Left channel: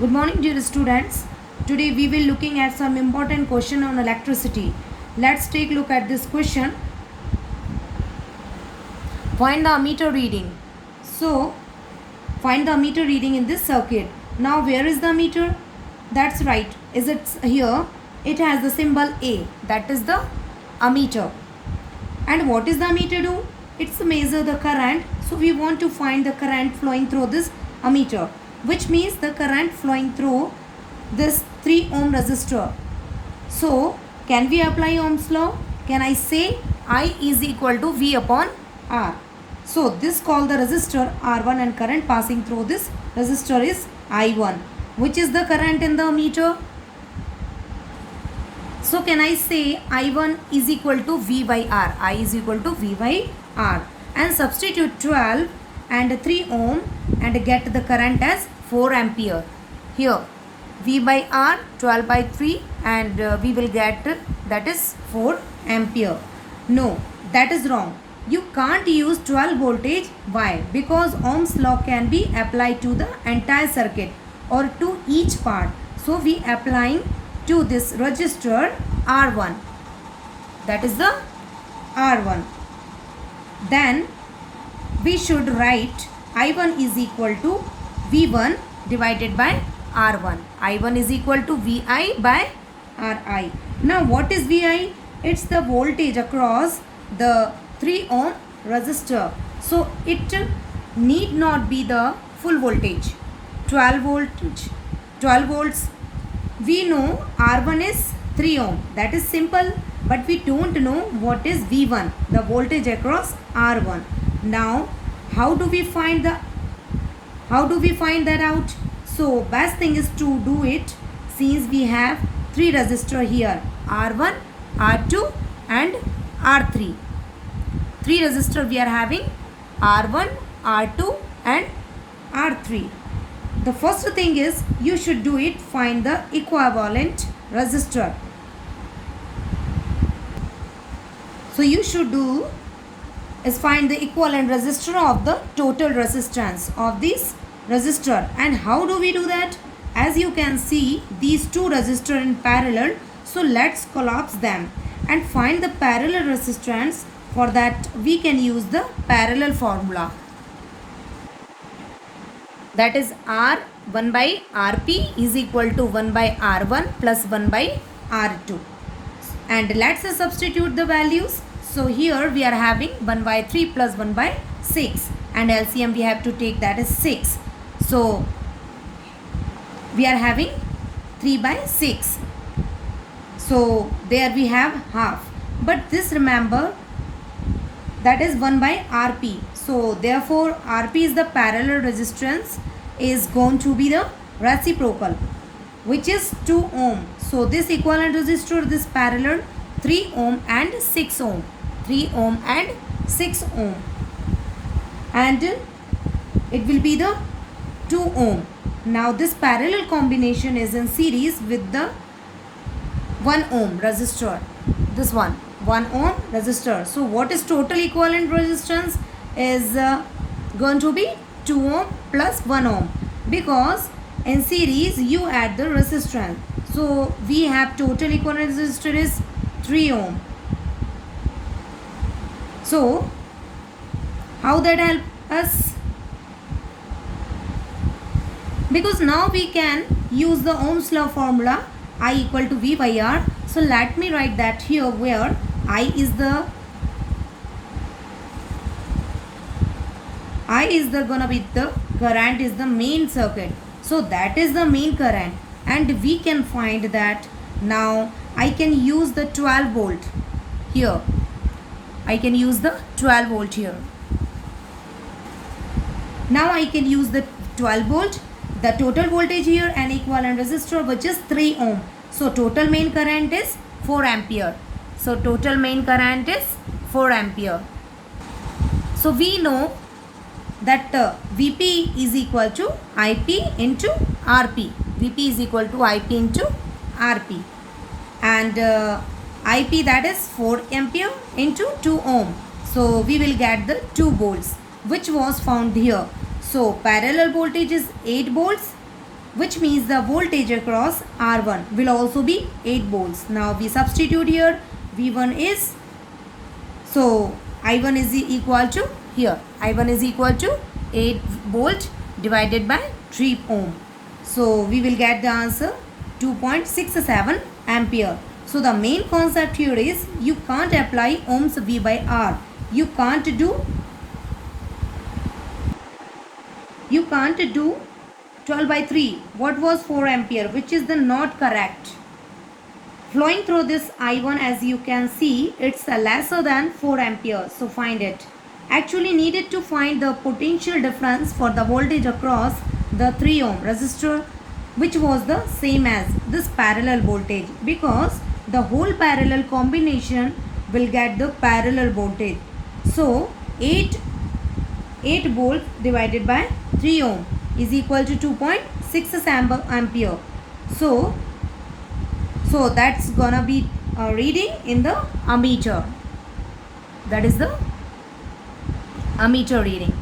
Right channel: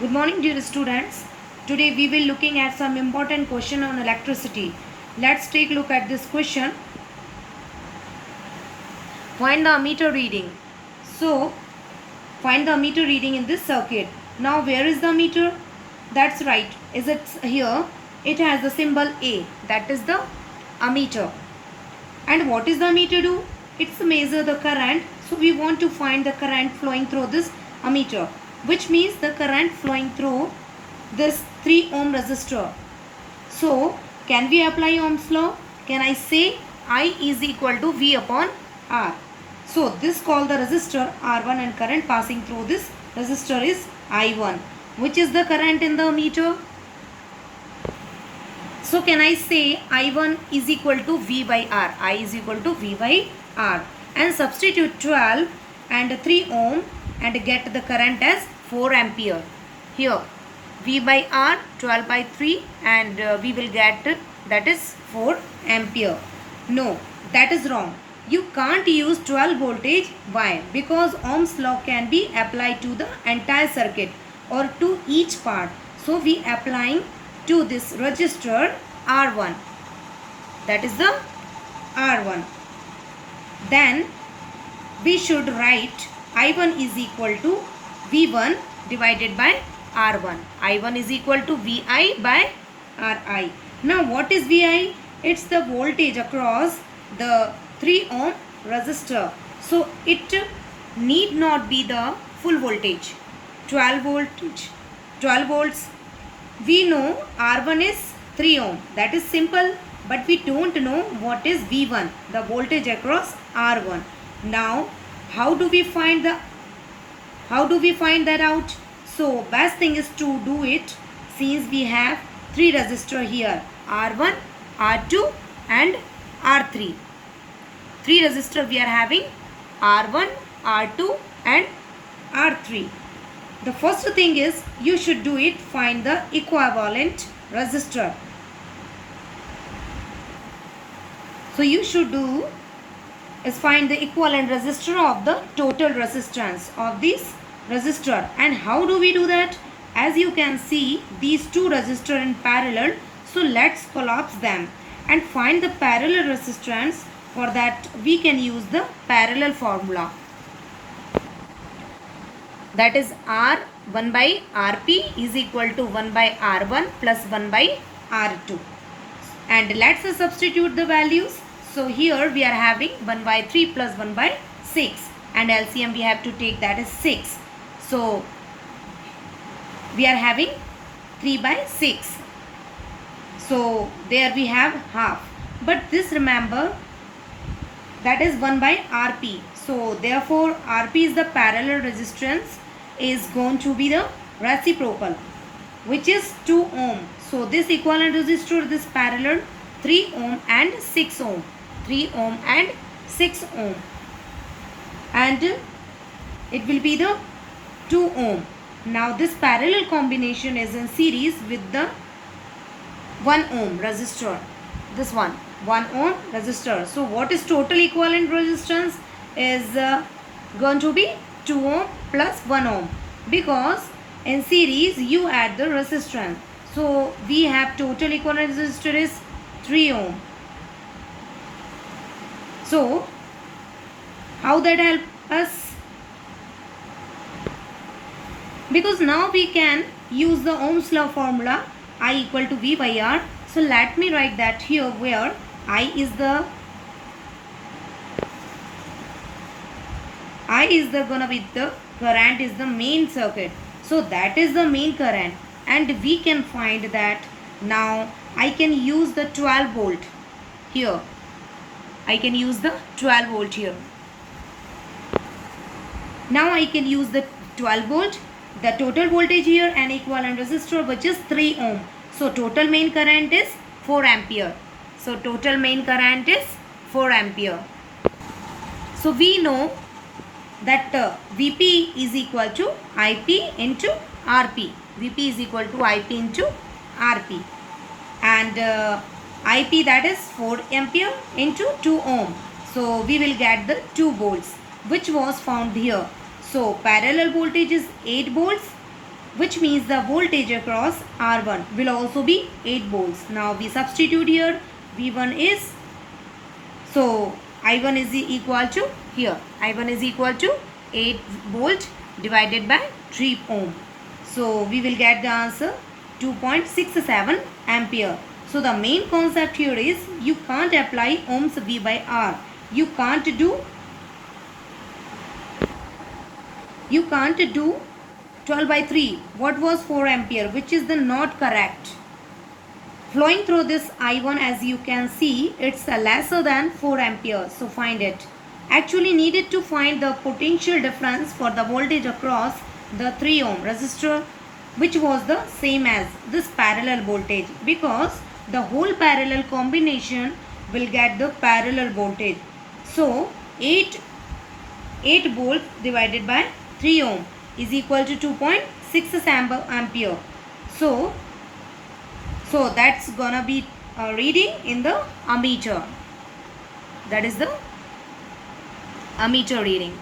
Good morning dear students. Today we will looking at some important question on electricity. Let's take a look at this question. Find the ammeter reading. So find the ammeter reading in this circuit. Now where is the ammeter? That's right. Is it here? It has the symbol A. That is the ammeter. And what is the ammeter do? It's measure the current. So we want to find the current flowing through this ammeter, which means the current flowing through this 3 ohm resistor. So can we apply Ohm's law? Can I say I is equal to V upon R? So this called the resistor R1 and current passing through this resistor is I1. Which is the current in the ammeter? So can I say I1 is equal to V by R? I is equal to V by R. And substitute 12 and 3 ohm and get the current as 4 ampere. Here V by R 12 by 3 and we will get that is 4 ampere. No, that is wrong. You can't use 12 voltage. Why? Because Ohm's law can be applied to the entire circuit or to each part. So we applying to this resistor R1. That is the R1. Then we should write I1 is equal to V1 divided by R1. I1 is equal to VI by RI. Now what is VI? It's the voltage across the 3 ohm resistor. So it need not be the full voltage. 12 volts. We know R1 is 3 ohm. That is simple. But we don't know what is V1, the voltage across R1. Now how do we find that out? So best thing is to do it since we have 3 resistor here, R1, R2 and R3. 3 resistor we are having, R1, R2 and R3. The first thing is you should do it, find the equivalent resistor. So you should do is find the equivalent resistor of the total resistance of this resistor. And how do we do that? As you can see, these 2 resistors in parallel. So let's collapse them and find the parallel resistance. For that we can use the parallel formula. That is R1 by Rp is equal to 1 by R1 plus 1 by R2. And let's substitute the values. So here we are having 1 by 3 plus 1 by 6. And LCM we have to take, that is 6. So we are having 3 by 6. So there we have half. But this remember that is 1 by Rp. So therefore Rp is the parallel resistance is going to be the reciprocal, which is 2 ohm. So this equivalent resistor, this parallel 3 ohm and 6 ohm. 3 ohm and 6 ohm. And it will be the 2 ohm. Now this parallel combination is in series with the 1 ohm resistor. This one 1 ohm resistor. So what is total equivalent resistance is going to be 2 ohm plus 1 ohm, because in series you add the resistance. So we have total equivalent resistor is 3 ohm. So how that help us? Because now we can use the Ohm's law formula, I equal to V by R. So let me write that here, where I is the gonna be the current is the main circuit. So that is the main current, and we can find that now I can use the 12 volt here. I can use the 12 volt here. Now I can use the 12 volt, the total voltage here and equivalent resistor, which is 3 ohm. So total main current is 4 ampere. So total main current is 4 ampere. So we know that Vp is equal to Ip into Rp. Vp is equal to Ip into Rp. And Ip, that is 4 ampere into 2 ohm. So we will get the 2 volts, which was found here. So parallel voltage is 8 volts which means the voltage across R1 will also be 8 volts. Now we substitute here. V1 is, so I1 is equal to, here I1 is equal to 8 volt divided by 3 ohm. So we will get the answer 2.67 ampere. So the main concept here is you can't apply ohms V by R. You can't do 12 by 3. What was 4 ampere, which is the not correct. Flowing through this I1, as you can see, it's lesser than 4 ampere. So find it. Actually needed to find the potential difference for the voltage across the 3 ohm resistor, which was the same as this parallel voltage, because the whole parallel combination will get the parallel voltage. So 8 volts divided by 3 ohm is equal to 2.6 ampere. So that's gonna be reading in the ammeter. That is the ammeter reading.